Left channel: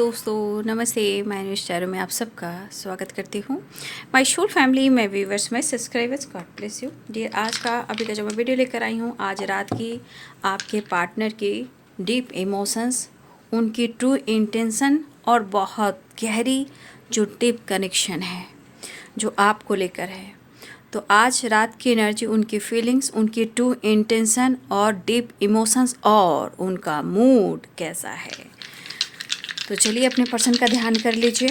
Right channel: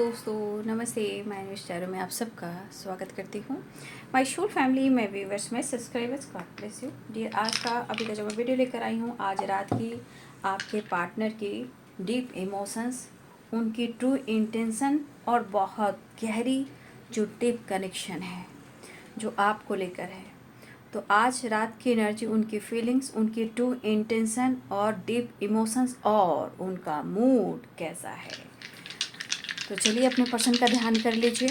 दोस्तों, नमस्ते। मैं अनुष चारों में आप सबका स्वागत करती हूँ। My whole family, my viewers, my subscribers, God bless you dear. आज का अभी का जो मैं वीडियो लेकर आई हूँ, आज रात की आपके पार्टनर की डीप इमोशंस, उनकी ट्रू इंटेंशन और बहुत गहरी जो डीप कनेक्शन है जो आपको लेकर है। तो आज रात की एनर्जी, उनकी फीलिंग्स, उनकी ट्रू इंटेंशन और डीप इमोशंस और उनका मूड कैसा है। तो चलिए अपने पर्सन का ध्यान कर लीजिए।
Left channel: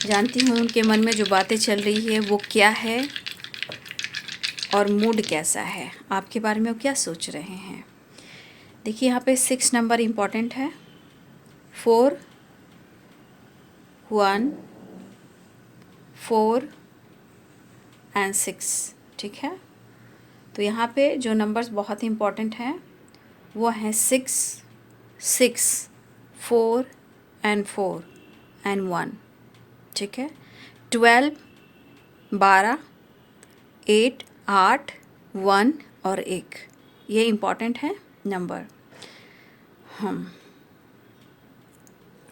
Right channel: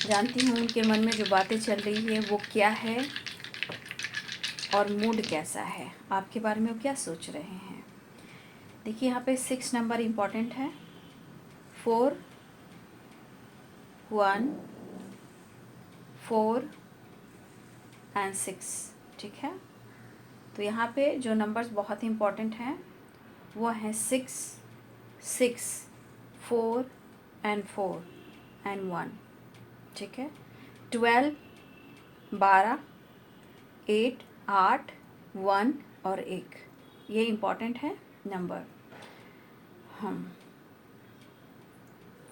जानती हूँ उनके मन में जो बातें चल रही है वो क्या है और मूड कैसा है, आपके बारे में वो क्या सोच रहे हैं। देखिए यहाँ पे 6 नंबर इम्पॉर्टेंट है, 4, 1, 4 एंड 6। ठीक है, तो यहाँ पे जो नंबर्स बहुत इम्पॉर्टेंट हैं वो हैं 6, 4 एंड 1। ठीक है, 12, 12, 8, 8, 1 और 1, ये इम्पॉर्टेंट है नंबर।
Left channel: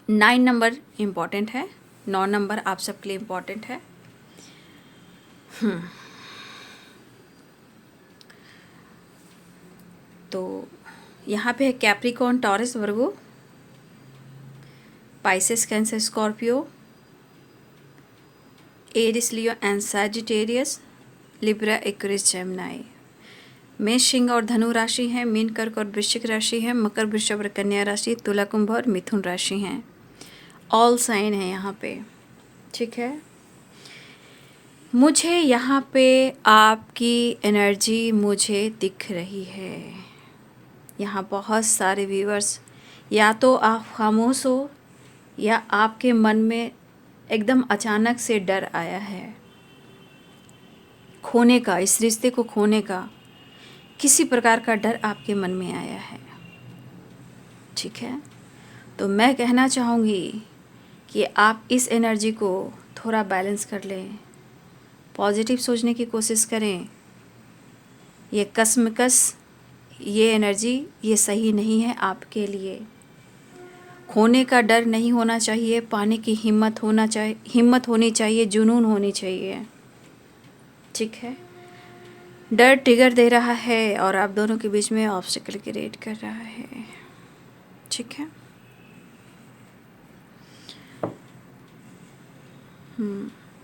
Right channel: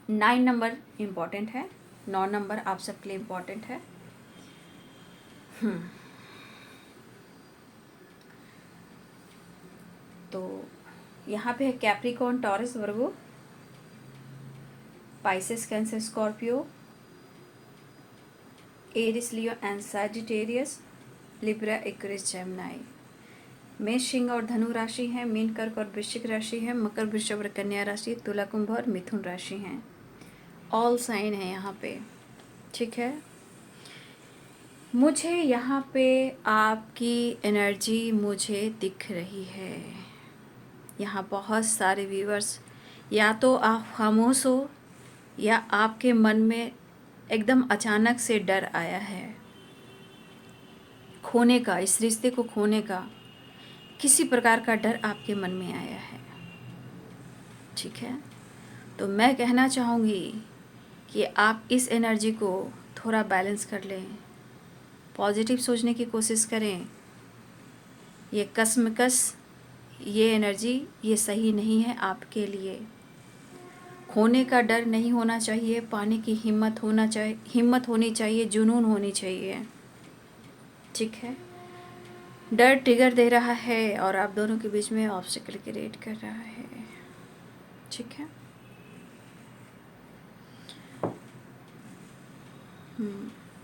9 नंबर इम्पॉर्टेंट है, 9 नंबर आप सबके लिए इम्पॉर्टेंट है। तो यहाँ पे है Capricorn, Taurus, Virgo, Pisces, Cancer, Scorpio, Aries, Leo and Sagittarius, Libra, Aquarius, Gemini. मेष, सिंह और धनु राशि है, मीन, कर्क और वृश्चिक राशि है, मकर, वृषभ और कन्या राशि, तुला, कुंभ और मिथुन राशि हैं। ऑल साइन है यहाँ पे। ठीक है, मुझे यहाँ पे आपकी एनर्जी मुझे दिख रही है। यहाँ बहुत सारे व्यूअर्स, या तो आप खामोश हो या आपके मन में एकदम अचानक से डर आया है खोने का, इस रिश्ते को खोने का किसी प्रकार का डर आपके मन में आया है। ठीक है, तो मैं कहना चाहूँगी कि आप इस एनर्जी को थोड़ा बैलेंस कर लें, पॉजिटिव सोचने की कोशिश करें। ये कसमकस, ये एनर्जी, ये सही नहीं है आपके लिए। खोने का डर नहीं होना चाहिए, पाने की हिम्मत होनी चाहिए, जुनून होनी चाहिए। ठीक है, डर ट्रिगर दे रहा है और आप दोनों के बीच में ऑब्स्टिकल क्रिएट कर रहा है। ठीक है,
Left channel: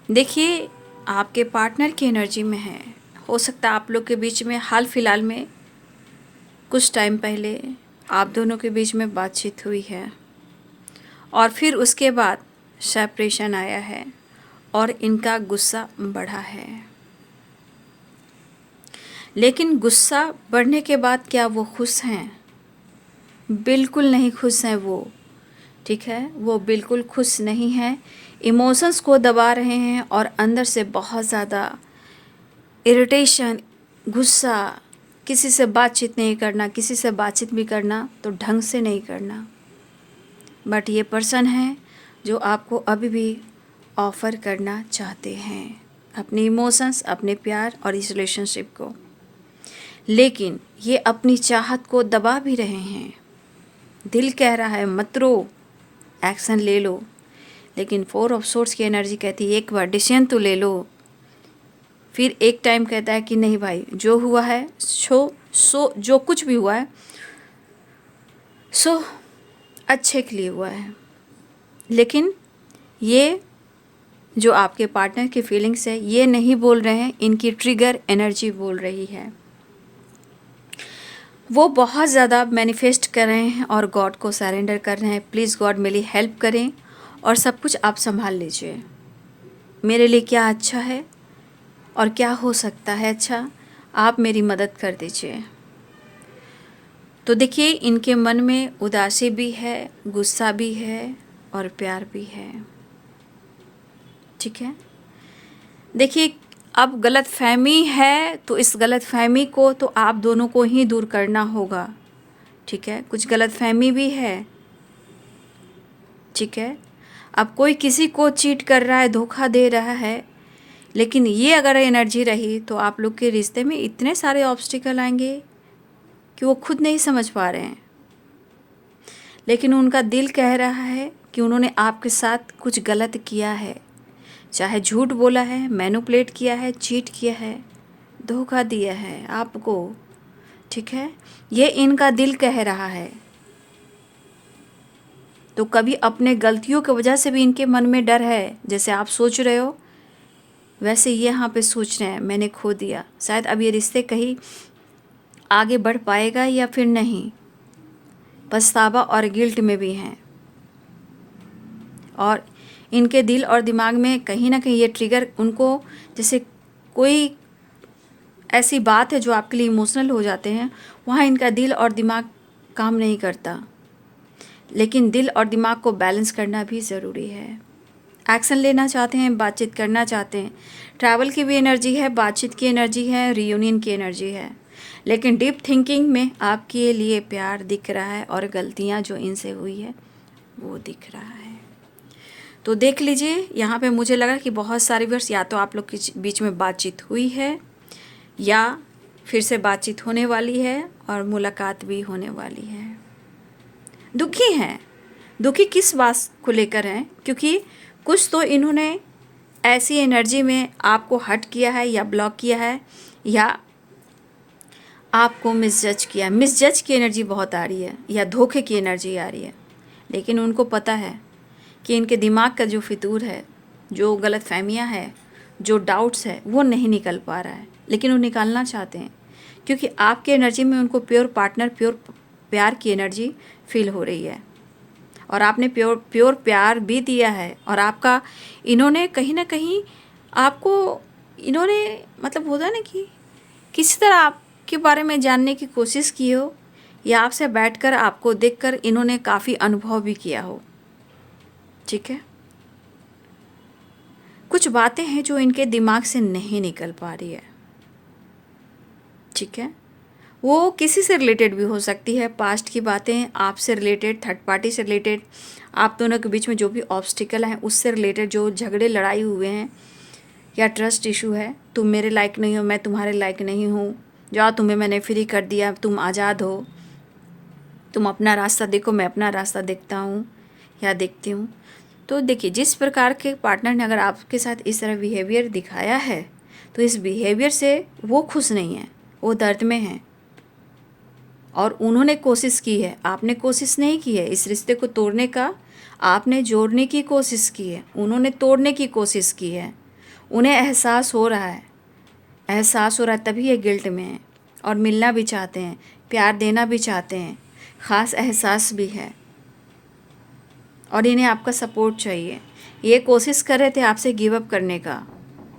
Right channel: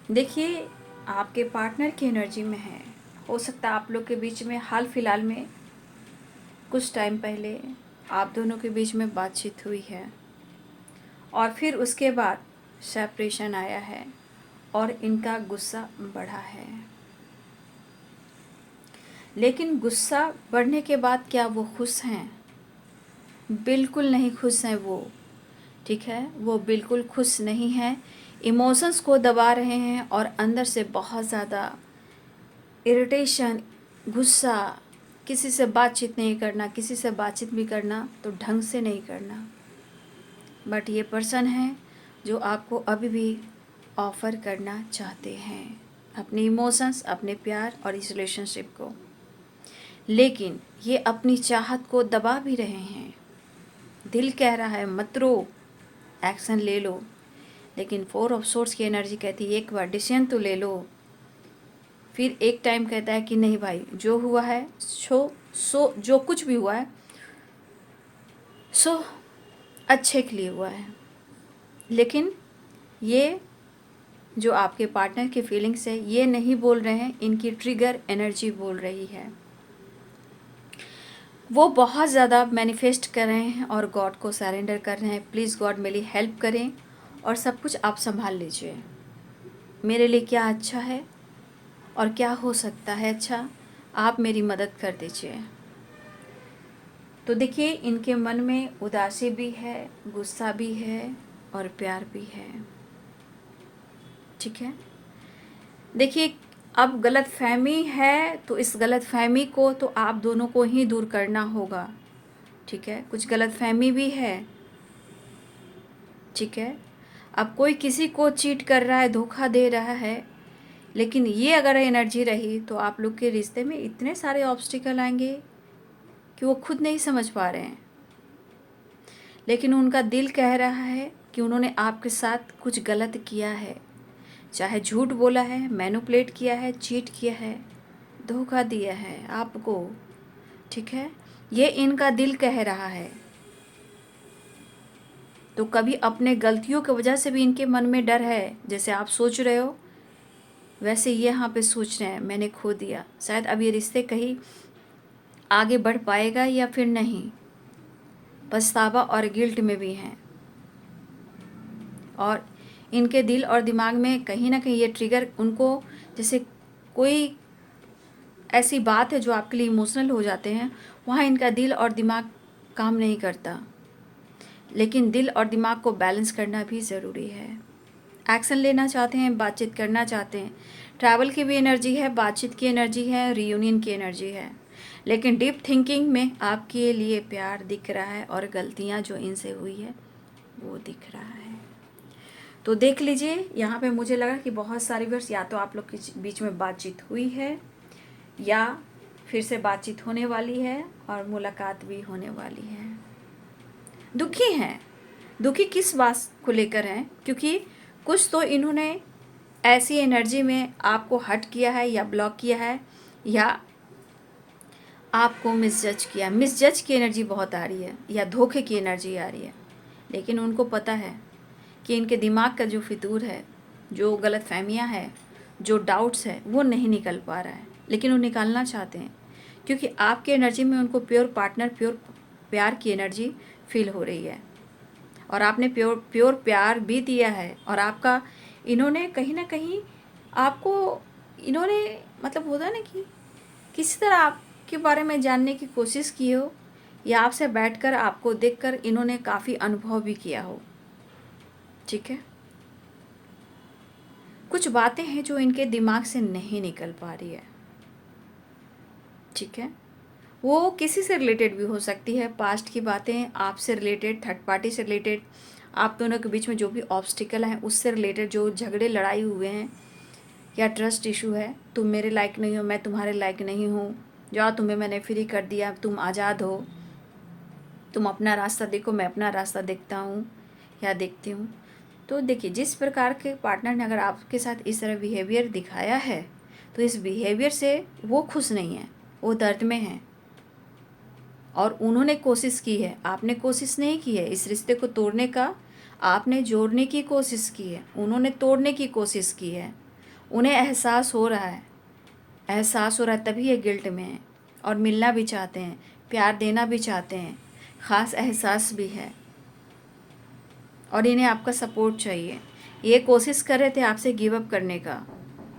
देखिए आपके पार्टनर की एनर्जी में है। हो सकता है आप लोग के बीच में हाल फिलहाल में कुछ टाइम पहले आप दोनों के बीच में बातचीत हुई है और फिर उसके बाद सेपरेशन आया है और इनका गुस्सा बढ़ा है। लेकिन गुस्सा बढ़ने के बाद क्या वो खुश हैं? बिल्कुल नहीं खुश हैं वो। ठीक है, वो बिल्कुल खुश नहीं हैं, इमोशंस को दबा रहे हैं और अंदर से बहुत ज़्यादा इरिटेशन, गुस्सा, किसी से बातचीत नहीं करना, किसी से बातचीत भी करना तो ढंग से नहीं करना। बट ये पर्सन है जो आपको अभी भी ऑफ़र करना चाहते हैं अपने इमोशंस, अपने प्यार और इस रिलेशनशिप को, लेकिन ये अपनी चाहत को दबा भी रहे हैं। दिल कह रहा है मत रो, एक्शन ले लो, लेकिन 4 ऑफ सोर्ड्स की एनर्जी कहती है एक बार डिसीजन तो ले लो। फिर एक टाइम कहता है कि नहीं भाई, जो हुआ है जो कुछ भी हुआ है सो अच्छे के लिए हुआ है। लेकिन ये जो आपके पार्टनर की फीलिंग्स है ये नहीं बोल रहे हैं, इनकी ट्रिगर एनर्जी बोल रही है। वो बहुत ज़्यादा मैनिफेस्ट कर रहे हैं और गॉड को सरेंडर कर रहे हैं। प्लीज़ गॉड मेरी हेल्प करें और सब कुछ आप संभाल लीजिए। मेरे लिए क्या अच्छा है और क्या हो सकता है अच्छा, आप मेरी मदद कर दीजिए। तो देखिए इनके मन में उदासी भी है, गुस्सा भी है और प्यार भी है। ठीक है, देखिए अब गलत फहमी है तो इस गलत फहमी को तो आप दोनों को ही दूर करना होगा। ठीक है, कुछ गलत फहमी भी है। ठीक है, अब कोई किसी को चीट कर रहा है, धोखा दे रहा है, लेकिन ये अगर एनर्जी रही तो आप लोग के रिश्ते में इतने सारे ऑब्स्टिकल आएंगे कि वो खुद नहीं समझ पा रहे हैं। लेकिन उनका दिल कह रहा है कि उन्होंने आपके साथ कुछ गलत किया है, चाहे झूठ बोला है, मैनिपुलेट किया है, चीट किया है, धोखा दिया है आपको, ठीक है, ये इनका दिल कह रहा है। तो कभी अपने गलतियों की वजह से भी इनके मन में डर है, जैसे आप सोच रहे हो वैसे ये यहाँ पे सोच रहे हैं मैंने खो दिया, शायद अब ये रिश्ते कहीं आगे बढ़ पाएगा या फिर नहीं, पछतावा और गिल्ट में भी हैं। और इनके दिल और दिमाग में कहीं ना कहीं ये ट्रिगर उनको, जैसे कोई ऐसी बात है जो आपके लिए इमोशनल हो जाते हैं, वहाँ इनका दिल और दिमाग काम नहीं करता। लेकिन दिल और दिमाग को बैलेंस करना भी ज़रूरी है। एक्शन लेना चाहते हैं, बातचीत करना चाहते हैं, ट्रैवल की भी एनर्जी है, बातचीत की एनर्जी है, रियूनियन की एनर्जी है, लेकिन डीप थिंकिंग में आपके लिए प्यार दिख रहा है और गलतियाँ जो इनसे हुई है वो दिख रहा है। तो देख लीजिए, यहाँ पे मुझे लगा कि बहुत सारे वर्ष या तो आप लोग के बीच में बातचीत हुई है या फिर से बातचीत होने वाली है और मुलाकात भी होने वाली है। दुखी हैं, दुखी किस बात को लेकर हैं? क्योंकि कुछ तो इन्होंने ऐसी एनर्जी में आपको हर्ट किया है या ब्लॉक किया है या आपको मिसजज किया। मिसजज की एनर्जी बहुत आ रही है या धोखे की एनर्जी आ रही है। लेकिन उनको पता है कि इनके दिमाग का जो फितूर है, जो गलतफहमियां है, जो डाउट्स है, वो नहीं निकल पा रहा है, लेकिन वो निकालना चाहते हैं क्योंकि आपकी एनर्जी में उनको प्योर पार्टनर, प्योर प्यार की एनर्जी फील हो रही है और आपने प्योर प्यार भी दिया है। और आपका इन्होंने कहीं ना कहीं आपको, इन्होंने मतलब होता ना कि किसी तरह आपके बारे में जानने की कोशिश की हो या आपसे बैठकर आपको देखकर इन्होंने काफ़ी अनुभव भी किया हो, ठीक है। कुछ बातें हैं जो इनके दिमाग से नहीं निकल पा रही है, ठीक है। वो किसी से रिलेटेड भी हो सकती है, पास्ट की बातें, आपसे रिलेटेड, थर्ड पार्टी से रिलेटेड, आप दोनों के बीच में जो भी ऑब्स्टिकल हैं उससे रिलेटेड, जो झगड़े लड़ाई हुए हैं या ट्रस्ट इशू है, तुम मेरे लायक नहीं हो, मैं तुम्हारे लायक नहीं हूँ, जाओ तुम्हें मैंने फ्री कर दिया, तुम आज़ाद हो, तुम अपना रास्ता देखो, मैं अपना रास्ता देखता हूँ या देखती हूँ। तो देखिए, जिस प्रकार के पार्टनर ने अगर आपके साथ इस तरह बिहेवियर दिखाया है तो इस बिहेवियर से वो खुश नहीं है, वो दर्द में है। और उन्होंने कोशिश की है, आपने कोशिश नहीं की है इस रिश्ते को तोड़ने का, आपने जोड़ने की कोशिश की है, उन्होंने तोड़ने की कोशिश की है। उन्हें एहसास हो रहा है, एहसास हो रहा है, तभी ये गिल्ट में है और मिलना भी चाहते हैं, प्यार देना भी चाहते हैं, ख़ास एहसास भी है और इन्हें आपका सपोर्ट चाहिए। ये कोशिश कर रहे थे आपसे गिव अप करने का,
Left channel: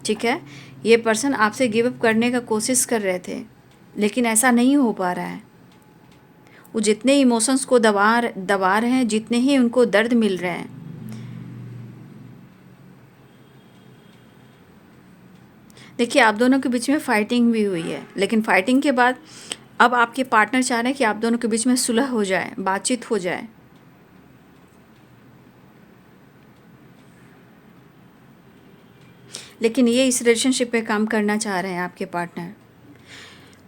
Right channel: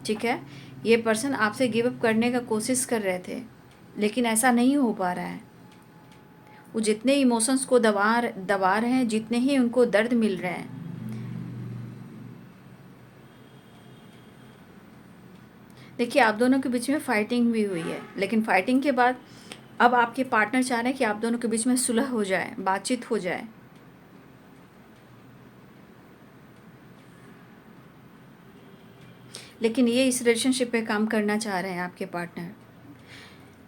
ठीक है, ये पर्सन आपसे गिव अप करने का कोशिश कर रहे थे, लेकिन ऐसा नहीं हो पा रहा है। वो जितने इमोशंस को दबा रहे हैं, जितने ही उनको दर्द मिल रहे हैं, देखिए आप दोनों के बीच में फाइटिंग भी हुई है, लेकिन फाइटिंग के बाद अब आपके पार्टनर चाह रहे हैं कि आप दोनों के बीच में सुलह हो जाए, बातचीत हो जाए। लेकिन ये इस रिलेशनशिप पे काम करना चाह रहे हैं आपके पार्टनर।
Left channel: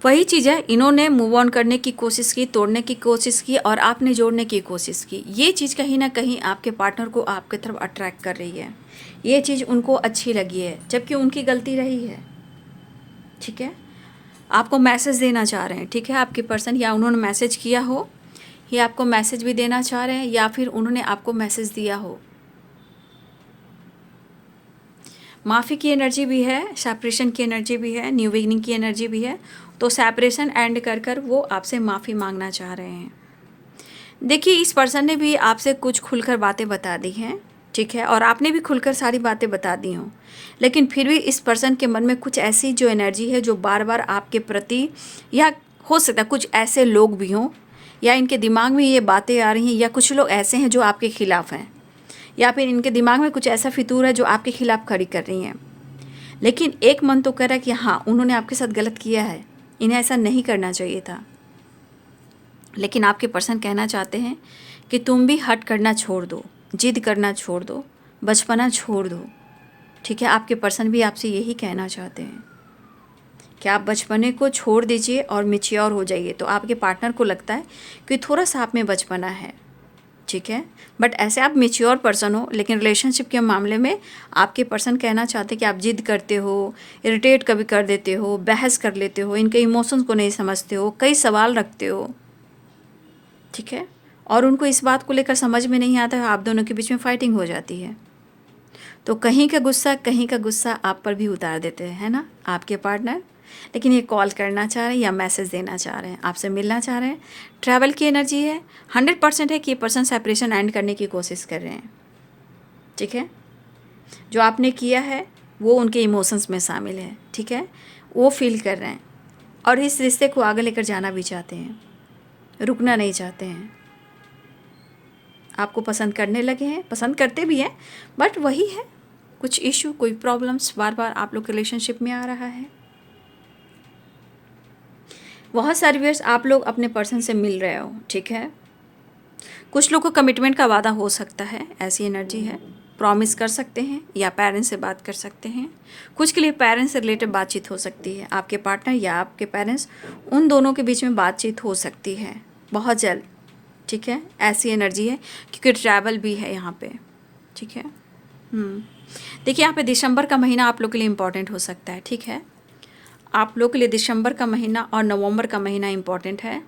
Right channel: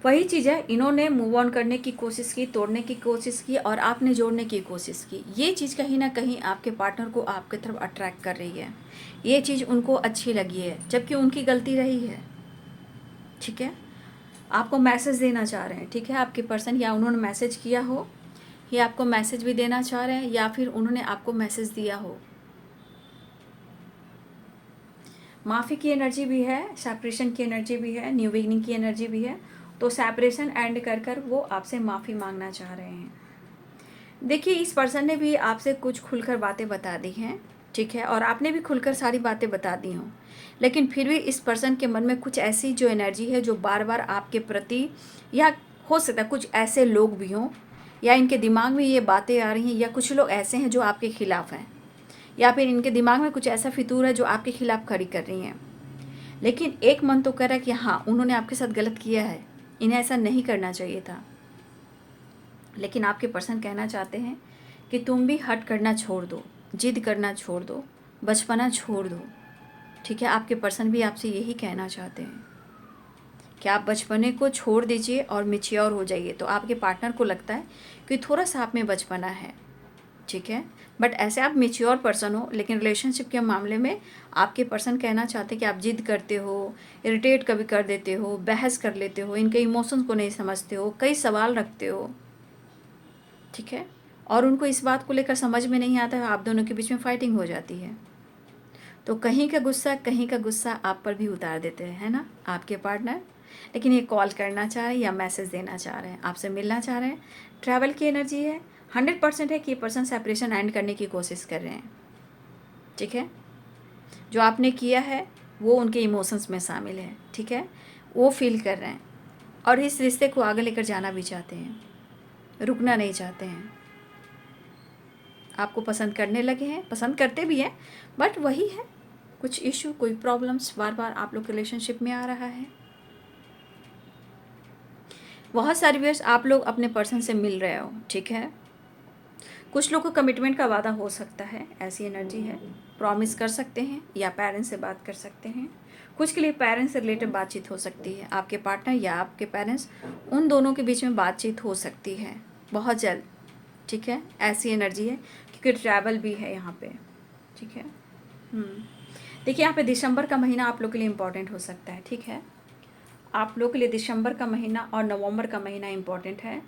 वही चीज़ है, इन्होंने मूव ऑन करने की कोशिश की, तोड़ने की कोशिश की और आपने जोड़ने की कोशिश की। ये चीज़ कहीं ना कहीं आपके पार्टनर को आपके तरफ अट्रैक्ट कर रही है, ये चीज़ उनको अच्छी लगी है, जबकि उनकी गलती रही है, ठीक है। आपको मैसेज देना चाह रहे हैं, ठीक है, आपके पर्सन, या उन्होंने मैसेज किया हो या आपको मैसेज भी देना चाह रहे हैं या फिर उन्होंने आपको मैसेज दिया हो। माफ़ी की एनर्जी भी है, सेपरेशन की एनर्जी भी है, न्यू बिगिनिंग की एनर्जी भी है। तो सेपरेशन एंड कर कर वो आपसे माफ़ी मांगना चाह रहे हैं। देखिए, इस पर्सन ने भी आपसे कुछ खुलकर बातें बता दी हैं, ठीक है, और आपने भी खुलकर सारी बातें बता दी हों, लेकिन फिर भी इस पर्सन के मन में कुछ ऐसी जो एनर्जी है जो बार बार आपके प्रति, या हो सकता है कुछ ऐसे लोग भी हों या इनके दिमाग में ये बातें आ रही हैं, या कुछ लोग ऐसे हैं जो आपके खिलाफ़ हैं, या फिर इनके दिमाग में कुछ ऐसा फितूर है जो आपके खिलाफ़ खड़ी कर रही हैं। लेकिन एक मन तो कह रहा है कि हाँ, उन्होंने आपके साथ गलत किया है, इन्हें ऐसा नहीं करना चाहिए था। लेकिन आपके पर्सन कहना चाहते हैं कि तुम भी हट करना छोड़ दो, जिद करना छोड़ दो, बचपना छोड़ दो, ठीक है। आपके पर्सन भी आपसे यही कहना चाहते हैं कि आप बचपने को छोड़ दीजिए और मैच्योर हो जाइए। तो आपके पार्टनर को लगता है कि थोड़ा सा आप में बचपना है, ठीक है। बट ऐसे आप मेच्योर पर्सन हो, लेकिन रिलेशनशिप के मामले में आपके पर्सन कहना चाहते कि आप जिद करते हो, इरिटेट कभी कर देते हो, बहस कर लेते हो, इनके इमोशंस को नहीं समझते हो, कई सवाल रखते हो, ठीक है। और उनको इस बात को लेकर समझ में नहीं आता है, आप दोनों के बीच में फाइटिंग हो जाती है। तो कहीं का गुस्सा आप पर भी उतार देते हैं, है ना, आपके पार्टनर। लेकिन ये कॉल करना चाह रहे हैं या मैसेज देना चाह रहे हैं, आपसे मिलना चाह रहे हैं, ट्रैवल की एनर्जी है, 100% है कि ये पर्सन सेपरेशन एंड करने की कोशिश कर रहे हैं, ठीक है। जो आपने किया है वो उनके इमोशंस में शामिल है, ठीक है, वो फील कर रहे हैं और इस रिश्ते को आगे लेकर जाना भी चाहते हैं, रुकना नहीं चाहते हैं। आपको पसंद करने लगे हैं, पसंद करते भी हैं, बट वही है, कुछ इशू, कोई प्रॉब्लम्स बार बार आप लोग के रिलेशनशिप में आ रहा है। बहुत सारे व्यूअर्स आप लोग अपने पर्सन से मिल रहे हो, ठीक है। कुछ लोग को कमिटमेंट का वादा हो सकता है, ऐसी एनर्जी है, प्रॉमिस कर सकते हैं या पेरेंट्स से बात कर सकते हैं। कुछ के लिए पेरेंट्स से रिलेटेड बातचीत हो सकती है, आपके पार्टनर या आपके पेरेंट्स, उन दोनों के बीच में बातचीत हो सकती है बहुत जल्द, ठीक है। ऐसी एनर्जी है क्योंकि ट्रैवल भी है यहाँ पे, ठीक है। देखिए यहाँ पे दिसंबर का महीना आप लोग के लिए इम्पॉर्टेंट हो सकता है, ठीक है। आप लोग के लिए दिसंबर का महीना और नवंबर का महीना इम्पॉर्टेंट है,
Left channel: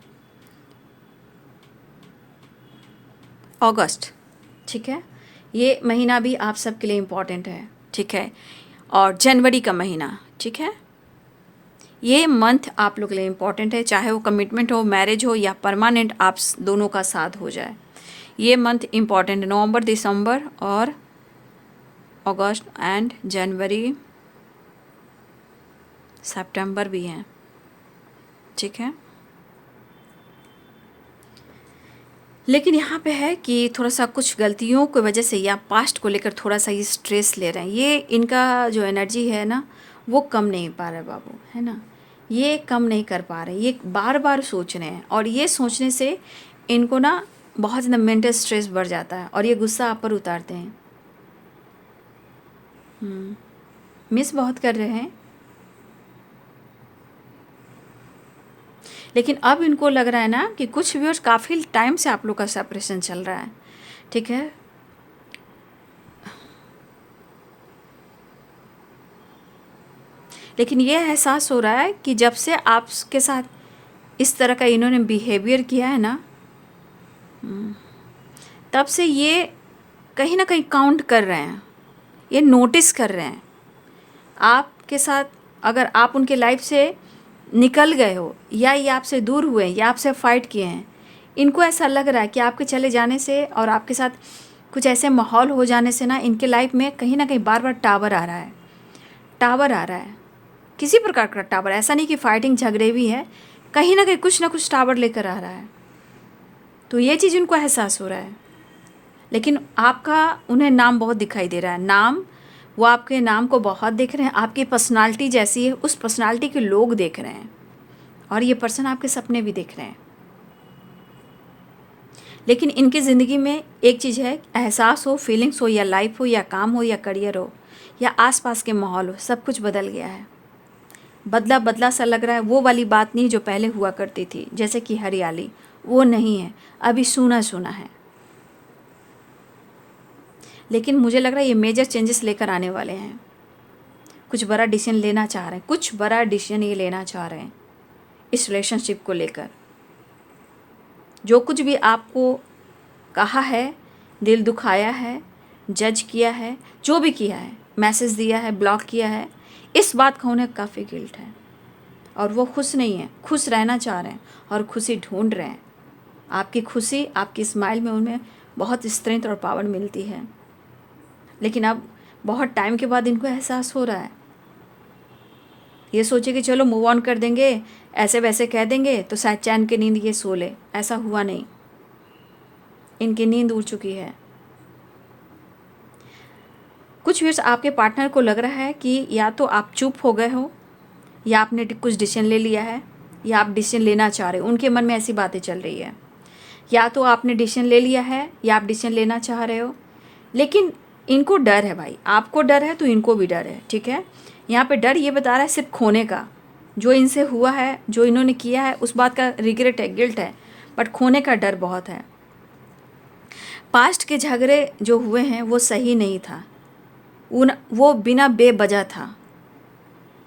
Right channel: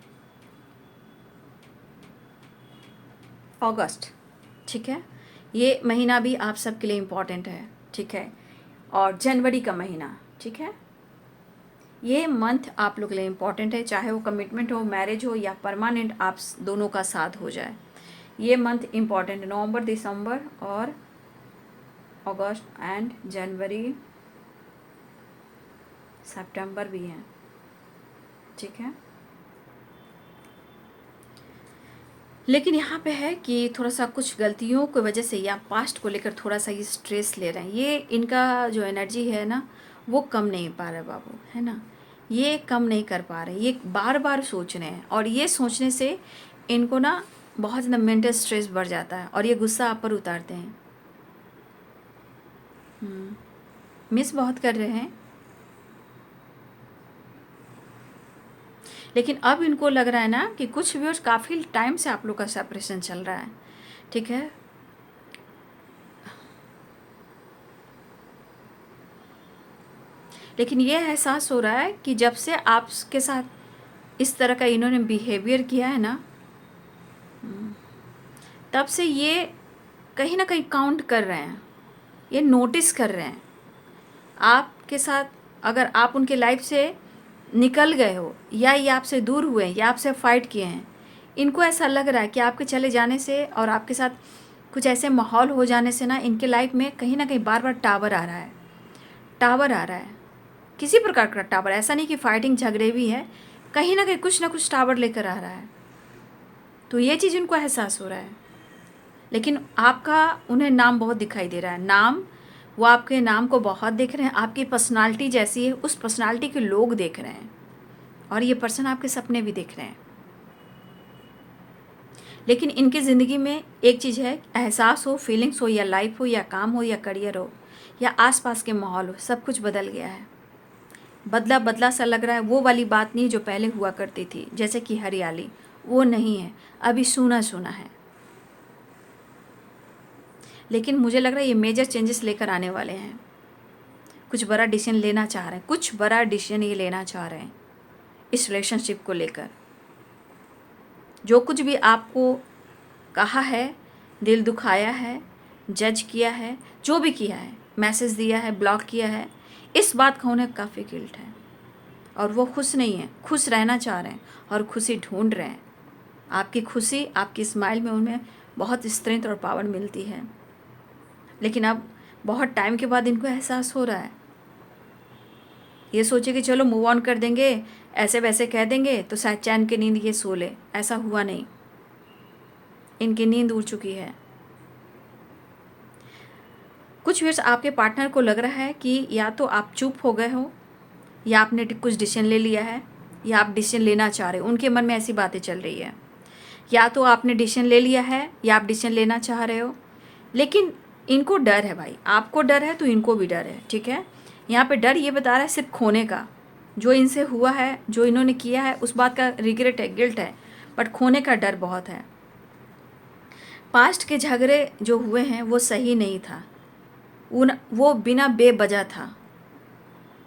अगस्त, ठीक है, ये महीना भी आप सबके लिए इम्पॉर्टेंट है, ठीक है। और जनवरी का महीना, ठीक है, ये मंथ आप लोग के लिए इम्पॉर्टेंट है, चाहे वो कमिटमेंट हो, मैरिज हो या परमानेंट आप दोनों का साथ हो जाए, ये मंथ इम्पॉर्टेंट है। नवंबर, दिसंबर और अगस्त एंड जनवरी, सितंबर भी हैं, ठीक है। लेकिन यहाँ पे है कि थोड़ा सा कुछ गलतियों की वजह से या पास्ट को लेकर थोड़ा सा ये स्ट्रेस ले रहे हैं, ये इनका जो एनर्जी है ना वो कम नहीं पा रहे बाबू, है ना, ये कम नहीं कर पा रहे, ये बार बार सोच रहे हैं और ये सोचने से इनको ना बहुत ज़्यादा मेंटल स्ट्रेस बढ़ जाता है और ये गुस्सा आप पर उतारते हैं। मिस बहुत कर रहे हैं, लेकिन अब इनको लग रहा है ना कि कुछ व्यूअर्स काफ़ी टाइम से आप लोग का सेपरेशन चल रहा है, ठीक है। लेकिन ये एहसास हो रहा है कि जब से आपके साथ इस तरह का इन्होंने बिहेवियर किया है ना, तब से ये कहीं ना कहीं काउंट कर रहे हैं, ये नोटिस कर रहे हैं आपके साथ। अगर आप उनके लाइफ से निकल गए हो या ये आपसे दूर हुए या आपसे फाइट किए हैं, इनको ऐसा लग रहा है कि आपके चले जाने से और आपके साथ कुछ ऐसे माहौल हो जाने से ना इनके लाइफ में कहीं ना कहीं बार बार टावर आ रहा है, टावर आ रहा है, किसी प्रकार का टावर, ऐसा नहीं कि फाइटिंग झगड़े भी है, कहीं ना कुछ टावर लेकर आ रहा है। तो ये चीज़ उनको एहसास हो रहा है, लेकिन आपका उन्हें नाम बहुत दिखाई दे रहा है, नाम, वो आपके नाम को बहुत देख रहे हैं, आपकी पर्सनालिटी जैसी है उस पर्सनालिटी के लोग देख रहे हैं और ये पर्सन आपके सपने भी देख रहे हैं। लेकिन इनकी ज़िंदगी में एक चीज़ है, एहसास हो, फीलिंग्स हो या लाइफ हो या काम हो या करियर हो या आसपास के माहौल हो, सब कुछ बदल गया है, बदला बदला सा लग रहा है। वो वाली बात नहीं जो पहले हुआ करती थी, जैसे कि हरियाली, वो नहीं है, अभी सूना सूना है। लेकिन मुझे लग रहा है ये मेजर चेंजेस लेकर आने वाले हैं, कुछ बड़ा डिसीजन लेना चाह रहे हैं, कुछ बड़ा डिसीजन ये लेना चाह रहे हैं इस रिलेशनशिप को लेकर। जो कुछ भी आपको कहा है, दिल दुखाया है, जज किया है, जो भी किया है, मैसेज दिया है, ब्लॉक किया है, इस बात का उन्हें काफ़ी गिल्ट है और वो खुश नहीं है, खुश रहना चाह रहे हैं और खुशी ढूंढ रहे हैं। आपकी खुशी, आपकी स्माइल में उन्हें बहुत स्ट्रेंथ और पावर मिलती है, लेकिन अब बहुत टाइम के बाद इनको एहसास हो रहा है। ये सोचे कि चलो मूव ऑन कर देंगे, ऐसे वैसे कह देंगे तो शायद चैन की नींद ये सो ले, ऐसा हुआ नहीं, इनकी नींद उड़ चुकी है। कुछ व्यूअर्स आपके पार्टनर को लग रहा है कि या तो आप चुप हो गए हो या आपने कुछ डिसीजन ले लिया है या आप डिसीजन लेना चाह रहे हो, उनके मन में ऐसी बातें चल रही है। या तो आपने डिसीजन ले लिया है या आप डिसीजन लेना चाह रहे हो, लेकिन इनको डर है भाई, आपको डर है तो इनको भी डर है, ठीक है। यहाँ पे डर ये बता रहा है सिर्फ खोने का, जो इनसे हुआ है, जो इन्होंने किया है, उस बात का रिग्रेट है, गिल्ट है, बट खोने का डर बहुत है। पास्ट के झगड़े जो हुए हैं वो सही नहीं था, वो बिना बेवजह था,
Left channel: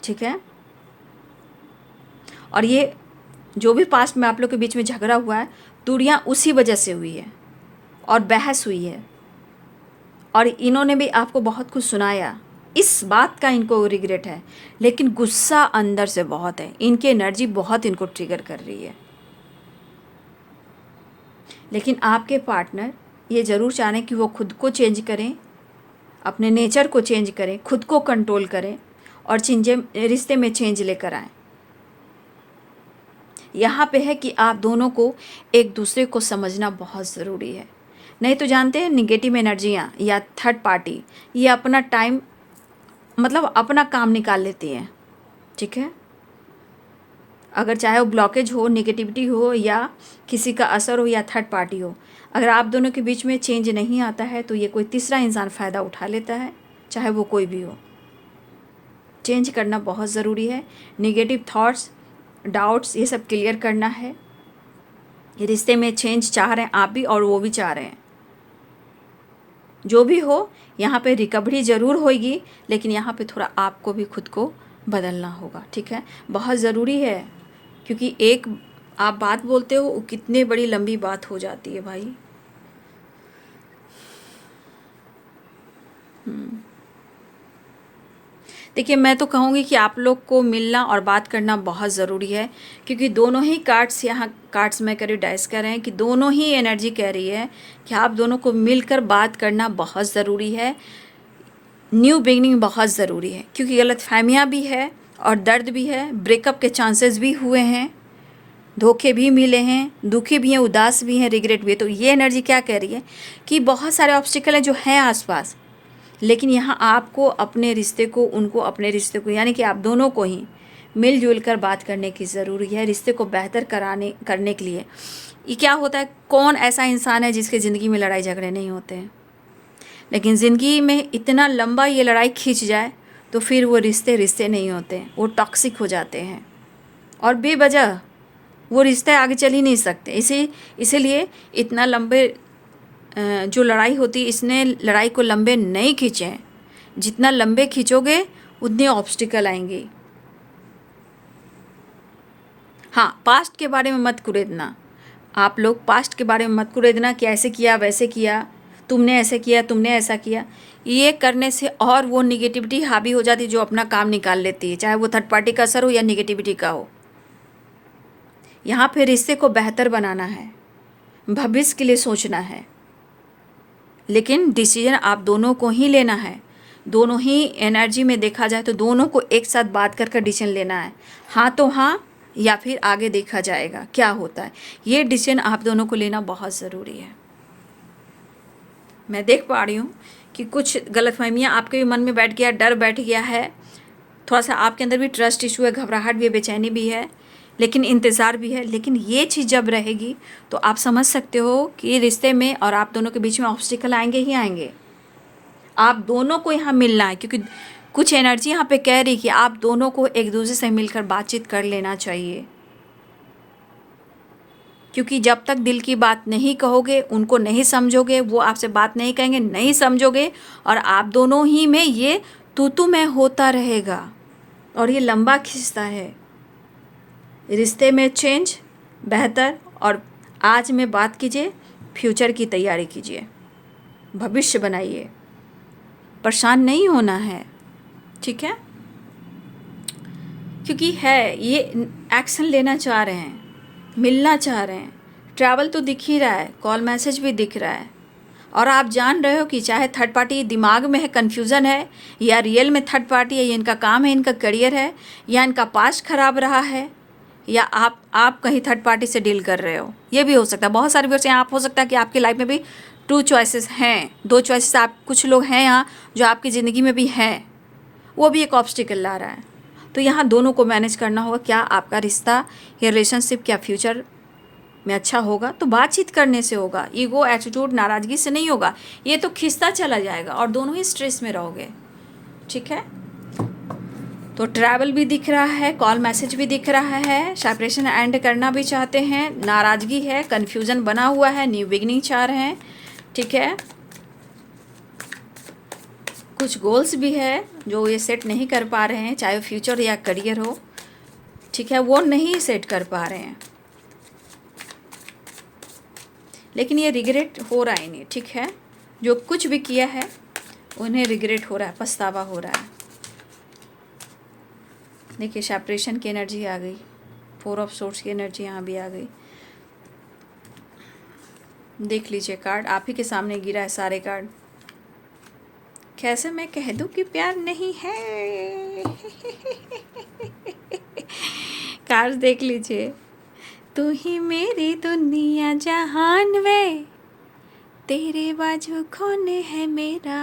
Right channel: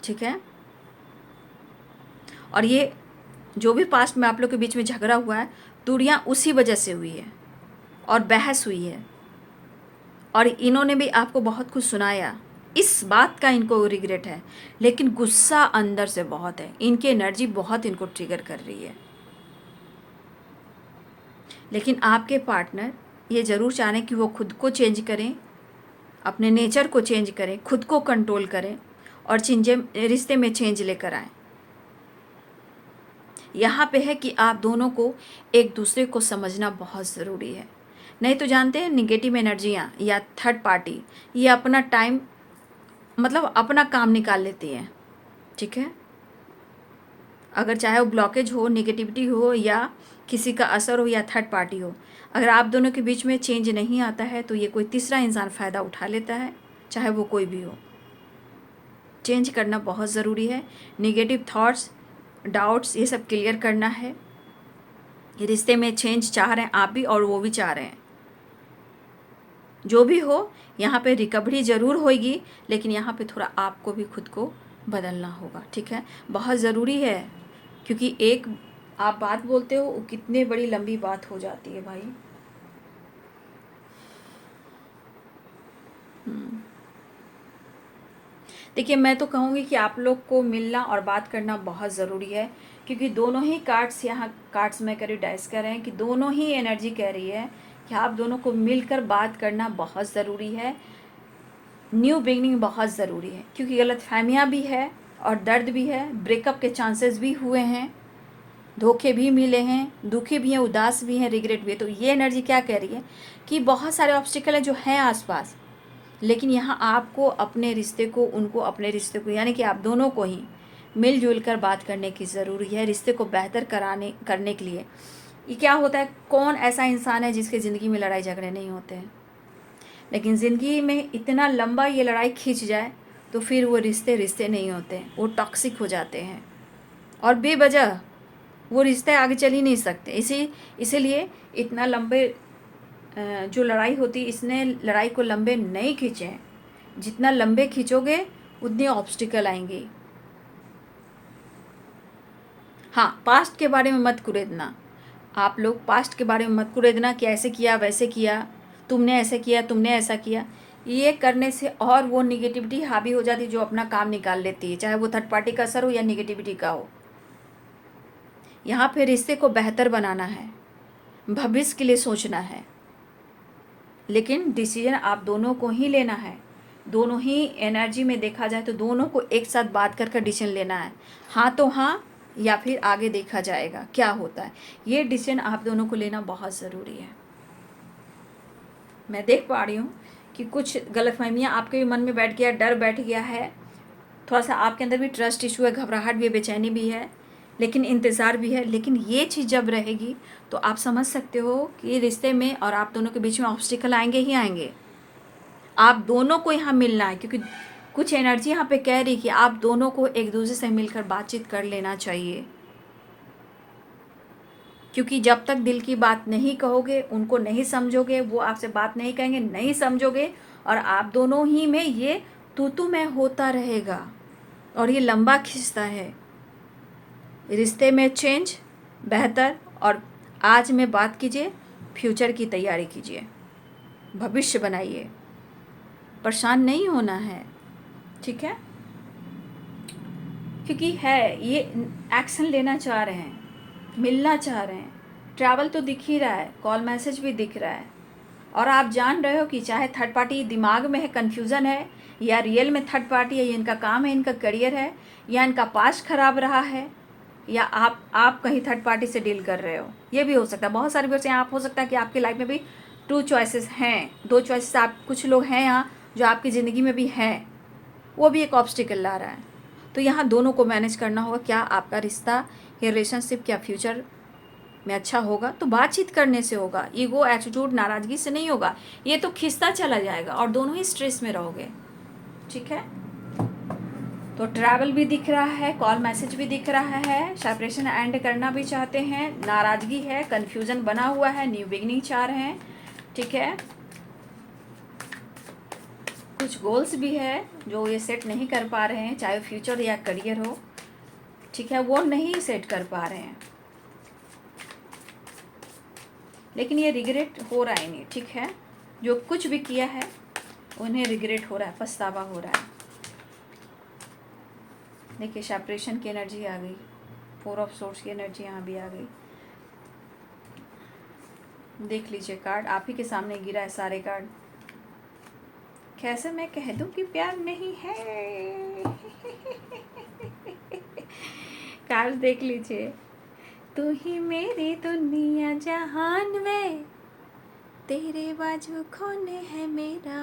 ठीक है। और ये जो भी पास्ट में आप लोग के बीच में झगड़ा हुआ है, दूरियां उसी वजह से हुई है और बहस हुई है, और इन्होंने भी आपको बहुत कुछ सुनाया, इस बात का इनको रिग्रेट है, लेकिन गुस्सा अंदर से बहुत है, इनकी एनर्जी बहुत इनको ट्रिगर कर रही है। लेकिन आपके पार्टनर ये ज़रूर चाहें कि वो खुद को चेंज करें, अपने नेचर को चेंज करें, खुद को कंट्रोल करें और रिश्ते में चेंज लेकर आएँ। यहाँ पे है कि आप दोनों को एक दूसरे को समझना बहुत ज़रूरी है। नहीं तो जानते हैं, निगेटिव एनर्जियाँ या थर्ड पार्टी ये अपना टाइम मतलब अपना काम निकाल लेती हैं, ठीक है। अगर चाहे वो ब्लॉकेज हो, निगेटिविटी हो, या किसी का असर हो, या थर्ड पार्टी हो, अगर आप दोनों के बीच में चेंज नहीं आता है तो ये कोई तीसरा इंसान फ़ायदा उठा लेता है, चाहे वो कोई भी हो। चेंज करना बहुत ज़रूरी है। निगेटिव थॉट्स, डाउट्स, ये सब क्लियर करना है। रिश्ते में चेंज चाह रहे हैं आप भी और वो भी चाह रहे हैं। जो भी हो, यहाँ पे रिकवरी ज़रूर होगी, लेकिन यहाँ पे थोड़ा आपको भी खुद को बदलना होगा, ठीक है। बहुत ज़रूरी है, क्योंकि एक आप बात बोलते हो, कितनी बड़ी लंबी बात हो जाती है भाई। देखिए, मैं तो कहूँगी कि आप लोग को मिलना और बात करना बहुत ज़रूरी है, क्योंकि दोनों ही कार्ड्स यहाँ कार्ड्स में करीब डाइस कर रहे हैं कि दोनों ही एनर्जी कह रही है कि आप दोनों को मिलकर बात करना बहुत ज़रूरी है। न्यू बिगनिंग बहुत ज़रूरी है, क्योंकि गलतफहमियाँ भी है और दर्द भी है, ब्रेकअप के चांसेस भी हुए हैं, धोखे भी मिले हैं, दुखी भी हैं, उदास भी हैं, रिग्रेट भी है। तो ये एनर्जी क्या कह रही है कि बहुत सारे ऑब्स्टिकल हैं जो हैं आसपास, लेकिन यहाँ आपको अपने रिश्ते को, उनको अपने रिश्ते को, यानी कि आप दोनों को ही मिलजुल कर बात करने की ज़रूरी है, रिश्ते को बेहतर करने के लिए। ये क्या होता है, कौन ऐसा इंसान है जिसके ज़िंदगी में लड़ाई झगड़े नहीं होते हैं, लेकिन ज़िंदगी में इतना लंबा ये लड़ाई खींच जाए तो फिर वो रिश्ते नहीं होते, वो टॉक्सिक हो जाते हैं और बेवजह वो रिश्ते आगे चल ही नहीं सकते। इसीलिए इतना लंबे जो लड़ाई होती है, इसने लड़ाई को लंबे नहीं खींचे हैं। जितना लंबे खींचोगे उतने ऑब्स्टिकल आएंगे। हाँ, पास्ट के बारे में मत कुरेदना, आप लोग पास्ट के बारे में मत कुरेदना कि ऐसे किया वैसे किया, तुमने ऐसे किया, तुमने ऐसा किया। ये करने से और वो निगेटिविटी हावी हो जाती है जो अपना काम निकाल लेती है, चाहे वो थर्ड पार्टी का असर हो या निगेटिविटी का हो। यहाँ पे रिश्ते को बेहतर बनाना है, भविष्य के लिए सोचना है, लेकिन डिसीजन आप दोनों को ही लेना है। दोनों ही एनर्जी में देखा जाए तो दोनों को एक साथ बात कर डिसीजन लेना है, हाँ तो हाँ, या फिर आगे देखा जाएगा क्या होता है। ये डिसीजन आप दोनों को लेना बहुत ज़रूरी है। मैं देख पा रही हूँ कि कुछ गलतफहमियाँ आपके भी मन में बैठ गया, डर बैठ गया है, थोड़ा सा आपके अंदर भी ट्रस्ट इशू है, घबराहट भी है, बेचैनी भी है, लेकिन इंतज़ार भी है। लेकिन ये चीज़ जब रहेगी तो आप समझ सकते हो कि रिश्ते में और आप दोनों के बीच में ऑब्स्टिकल आएंगे ही आएंगे। आप दोनों को यहाँ मिलना है, क्योंकि कुछ एनर्जी यहाँ पे कह रही कि आप दोनों को एक दूसरे से मिलकर बातचीत कर लेना चाहिए, क्योंकि जब तक दिल की बात नहीं कहोगे, उनको नहीं समझोगे, वो आपसे बात नहीं कहेंगे, नहीं समझोगे, और आप दोनों ही में ये तू मैं होता रहेगा और ये लंबा खिंचता है। रिश्ते में चेंज बेहतर, और आज में बात कीजिए, फ्यूचर की तैयारी कीजिए, भविष्य बनाइए, परेशान नहीं होना है, ठीक है। क्योंकि है ये एक्शन लेना चाह रहे हैं, मिलना चाह रहे हैं, ट्रैवल तो दिख ही रहा है, कॉल मैसेज भी दिख रहा है, और आप जान रहे हो कि चाहे थर्ड पार्टी दिमाग में है, कन्फ्यूज़न है, या रियल में थर्ड पार्टी है, ये इनका काम है, इनका करियर है, या इनका पास्ट खराब रहा है, या आप कहीं थर्ड पार्टी से डील कर रहे हो, ये भी हो सकता है। बहुत सारे वर्ष यहाँ आप हो सकता है कि आपकी लाइफ में भी 2 चॉइसेस हैं, 2 चॉइसेस आप, कुछ लोग हैं यहाँ जो आपकी ज़िंदगी में भी हैं, वो भी एक ऑब्स्टिकल ला रहा है। तो यहाँ दोनों को मैनेज करना होगा, क्या आपका रिश्ता या रिलेशनशिप क्या फ्यूचर में अच्छा होगा, तो बातचीत करने से होगा, ईगो एटीट्यूड नाराज़गी से नहीं होगा। ये तो खिंचता चला जाएगा और दोनों ही स्ट्रेस में रहोगे, ठीक है। तो ट्रैवल भी दिख रहा है, कॉल मैसेज भी दिख रहा है, सेपरेशन एंड करना भी चाहते हैं, नाराज़गी है, कन्फ्यूज़न बना हुआ है, न्यू बिगनिंग चाह रहे हैं, ठीक है। कुछ गोल्स भी है जो ये सेट नहीं कर पा रहे हैं, चाहे फ्यूचर या करियर हो, ठीक है, वो नहीं सेट कर पा रहे हैं, लेकिन ये रिग्रेट हो रहा है इन्हें, ठीक है। जो कुछ भी किया है उन्हें रिग्रेट हो रहा है, पछतावा हो रहा है। देखिए सेपरेशन की एनर्जी आ गई, 4 ऑफ सोर्स की एनर्जी यहाँ भी आ गई। देख लीजिए कार्ड आप ही के सामने गिरा है, सारे कार्ड। कैसे मैं कह दूं कि प्यार नहीं है। कार्ड देख लीजिए। तू ही मेरी दुनिया जहान वे, तेरे बाजू खोने है मेरा,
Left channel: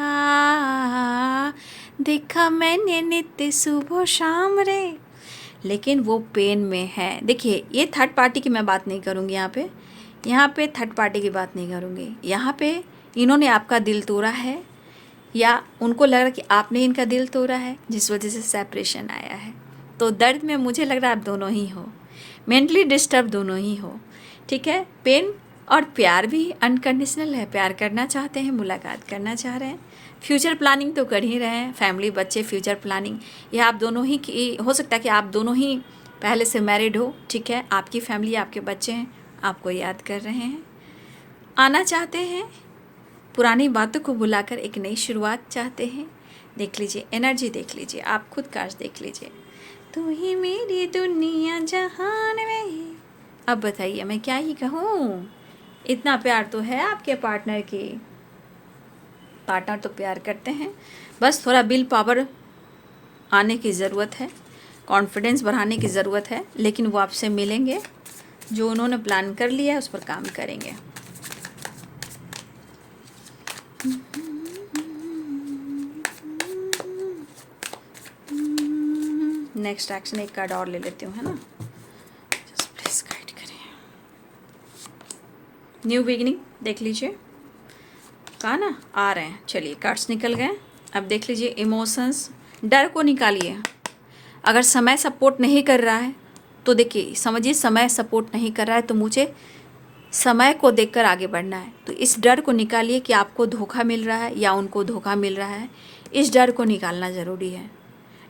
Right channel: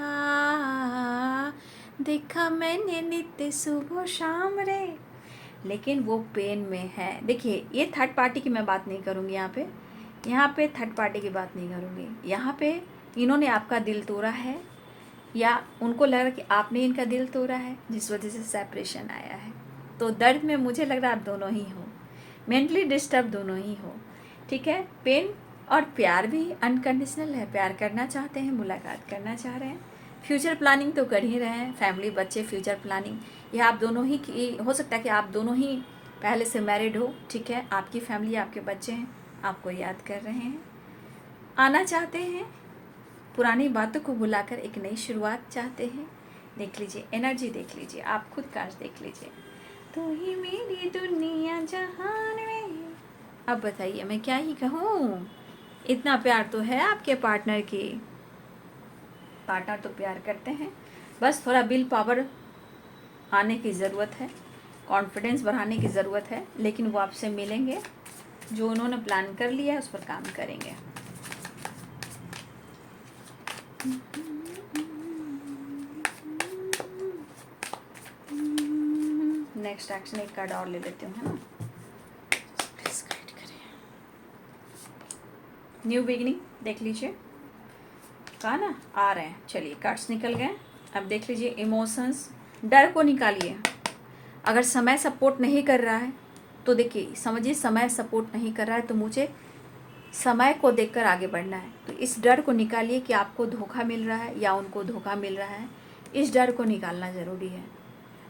देखा मैंने नित्य सुबह शाम रे, लेकिन वो पेन में है। देखिए ये थर्ड पार्टी की मैं बात नहीं करूँगी यहाँ पे थर्ड पार्टी की बात नहीं करूँगी। यहाँ पे इन्होंने आपका दिल तोड़ा है, या उनको लग रहा कि आपने इनका दिल तोड़ा है, जिस वजह से सेपरेशन आया है। तो दर्द में मुझे लग रहा है आप दोनों ही हो, मेंटली डिस्टर्ब दोनों ही हो, ठीक है। पेन और प्यार भी अनकंडीशनल है, प्यार करना चाहते हैं, मुलाकात करना चाह रहे हैं, फ्यूचर प्लानिंग तो कर ही रहे हैं, फैमिली बच्चे फ्यूचर प्लानिंग, या आप दोनों ही की हो सकता है कि आप दोनों ही पहले से मैरिड हो, ठीक है। आपकी फैमिली, आपके बच्चे हैं, आपको याद कर रहे हैं, आना चाहते हैं, पुरानी बातों को भुलाकर एक नई शुरुआत चाहते हैं। देख लीजिए एनर्जी, देख लीजिए, आप खुद कार्ड देख लीजिए। तू ही मेरी दुनिया जहान में। अब बताइए मैं क्या ही कहूँ, इतना प्यार तो है आपके पार्टनर की। पार्टनर तो प्यार करते हैं, बस थोड़ा विल पावर आने की ज़रूरत है, कॉन्फिडेंस बढ़ाने की ज़रूरत है, लेकिन वो आपसे मिलेंगे, जो उन्होंने प्लान कर लिया है उस पर काम करेंगे। नेक्स्ट एक्शन एक कार्ड और ले लेती हूँ, है ना। जस्ट प्लीज गाइड करिए। न्यू बिगिनिंग देख लीजिए, कहा ना आ रहे हैं। चलिए कार्ड्स निकल गए। अब देख लीजिए इमोशंस, डर को निकालिए। अगर समय सपोर्ट नहीं कर रहा है तो देखिए, समझिए समय सपोर्ट नहीं कर रहा है तो मुझे समय को देखकर आगे बढ़ना है। तो इस डर को निकालिए कि आपको धोखा मिल रहा है या उनको धोखा मिल रहा है, इस डर को निकालना ज़रूरी है।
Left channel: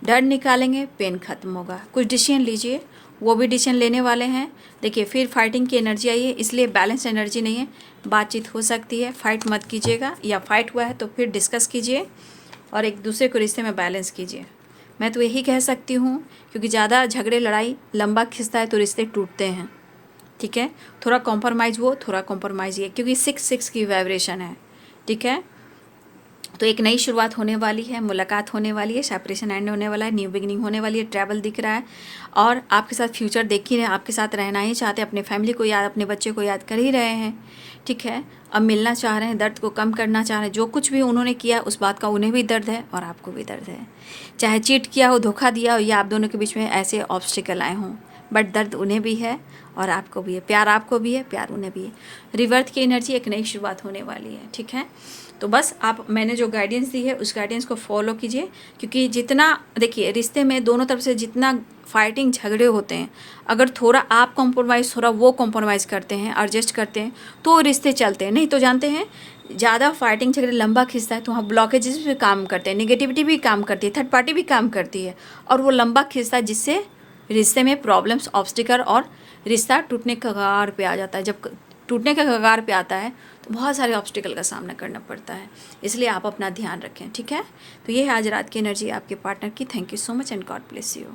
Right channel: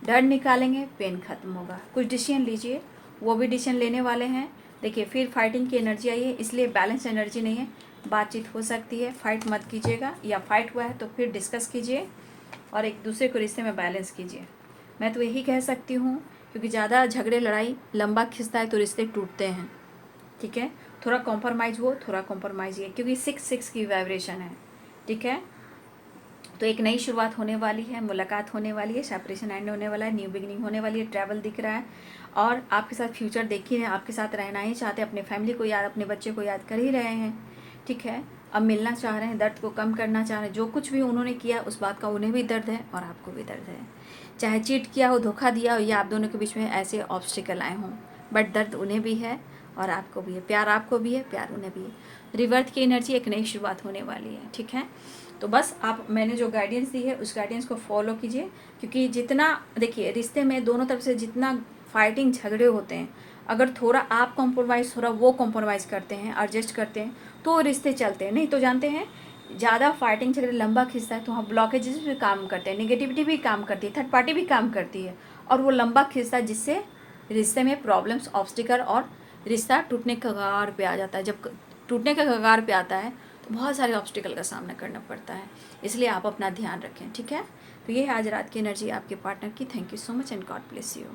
डर निकालेंगे, पेन खत्म होगा। कुछ डिसीजन लीजिए, वो भी डिसीजन लेने वाले हैं। देखिए फिर फाइटिंग की एनर्जी आई है, इसलिए बैलेंस एनर्जी नहीं है, बातचीत हो सकती है, फाइट मत कीजिएगा, या फाइट हुआ है तो फिर डिस्कस कीजिए और एक दूसरे को रिश्ते में बैलेंस कीजिए। मैं तो यही कह सकती हूँ, क्योंकि ज़्यादा झगड़े लड़ाई लंबा खिंचता है तो रिश्ते टूटते हैं, ठीक है। थोड़ा कॉम्प्रोमाइज़ वो, थोड़ा कॉम्प्रोमाइज़ ये, क्योंकि 6 की वाइब्रेशन है, ठीक है। तो एक नई शुरुआत होने वाली है, मुलाकात होने वाली है, सेपरेशन एंड होने वाला है, न्यू बिगिनिंग होने वाली है, ट्रैवल दिख रहा है, और आपके साथ फ्यूचर देख ही रहे हैं, आपके साथ रहना ही चाहते हैं, अपने फैमिली को याद, अपने बच्चे को याद कर ही रहे हैं, ठीक है। अब मिलना चाह रहे हैं, दर्द को कम करना चाह रहे हैं। जो कुछ भी उन्होंने किया उस बात का उन्हें भी दर्द है और आपको भी दर्द है, चाहे चीट किया हो, धोखा दिया हो, या आप दोनों के बीच में ऐसे ऑब्स्टिकल आए हों, बट दर्द उन्हें भी है और आपको भी है, प्यार आपको भी है, प्यार उन्हें भी है। रिवर्थ की एनर्जी, एक नई शुरुआत होने वाली है, ठीक है। तो बस आप, मैंने जो गाइडेंस दी है उस गाइडेंस को फॉलो कीजिए, क्योंकि जितना देखिए रिश्ते में दोनों तरफ से जितना फाइटिंग झगड़े होते हैं, अगर थोड़ा आप कॉम्प्रोमाइज़, थोड़ा वो कॉम्प्रोमाइज़ करते हैं, एडजस्ट करते हैं, तो रिश्ते चलते हैं। नहीं तो जानते हैं ज़्यादा फाइटिंग झगड़े लंबा खिंचता है तो वहाँ ब्लॉकेजेस भी काम करते हैं, निगेटिविटी भी काम करती है, थर्ड पार्टी भी काम करती है, और वो लंबा खिंचता है, जिससे रिश्ते में प्रॉब्लम्स, ऑब्स्टिकल, और रिश्ता टूटने के कगार पे आ जाता है। जब टूटने के कगार पे आता है तो बहुत सारे ऑब्स्टिकल का सामना करना पड़ता है, इसलिए आप अपना ध्यान रखें, ठीक है। तो ये है आज रात की एनर्जी आपके पार्टनर की। Thank you so much and God bless you.